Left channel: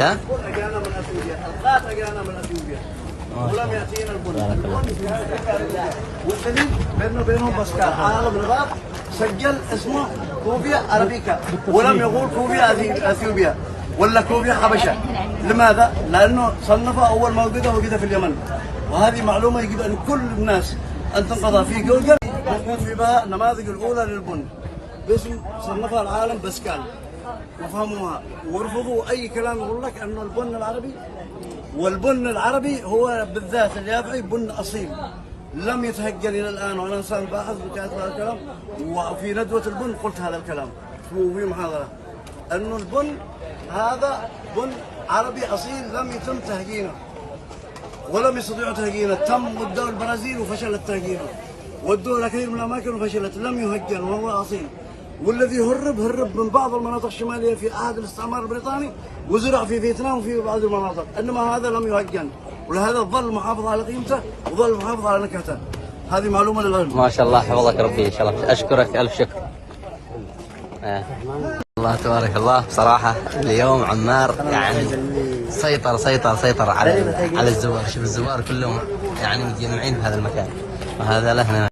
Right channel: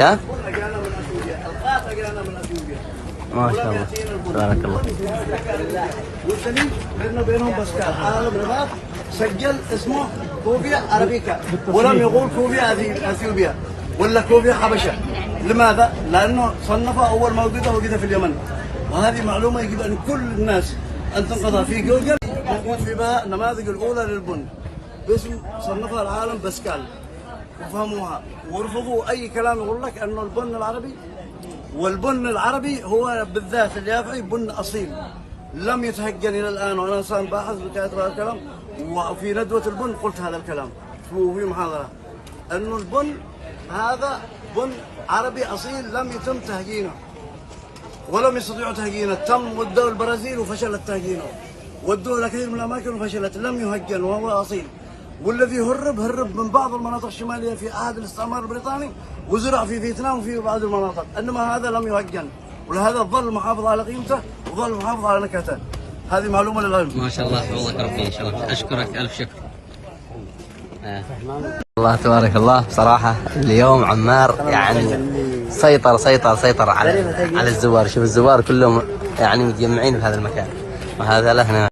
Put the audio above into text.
اجانا من اثيوبيا، القات اجانا من اثيوبيا ولم ياتينا البن. بارك الله. والثاني بيننا وبينهم بس كان عالم الغرب سجل اسمه كوفيا ارابيكا ولم يقول كوفيا اثيوبيا ولا كوفيا حبشه. لماذا؟ لانه صنفها اول موجوده وجد في اليمن، وهذه معلومه يجب ان كل الناس ان تنقضها في جوجل. موجود في بها النماذج الاولى للبن باسم صنفها العالم باسكال، يفهموها ورفضوا اي كلام يقول لك انه البن العربي، والبن العربي هو بالذات اليافعي بن اصيل لم يتهجن الى الان، وانا انسان باحث بتاعت هذا الكلام، وفي ندوه البن قلت هذا الكلام في محاضره انه البن هذا بن عربي اصيل لم يتم تهجينه ولم يستطيعوا تهجينه، تم ودوا البرازيل وفشلت تهجينه، ودوا الى كثير من الاماكن وفشلت، لم يهجن وهو اصيل. والذي هرب من بعض المناطق الشماليه في عهد الاستعمار البريطاني وزرع في فيتنام وفي بعض المناطق، انما هذا لم يهجن، ولهذا ظل محافظ على قيمته وظل محافظ على نكهته. هذه معلومه للعلم. ما شاء الله، حفظك ربي ان شاء الله. اشكرك الف شكر. الله تبارك الله. صراحه اليوم عمار يعني سيطر على الزوار. شوف الزوار كلهم يعني متجمعين في هذا المكان، وهذا له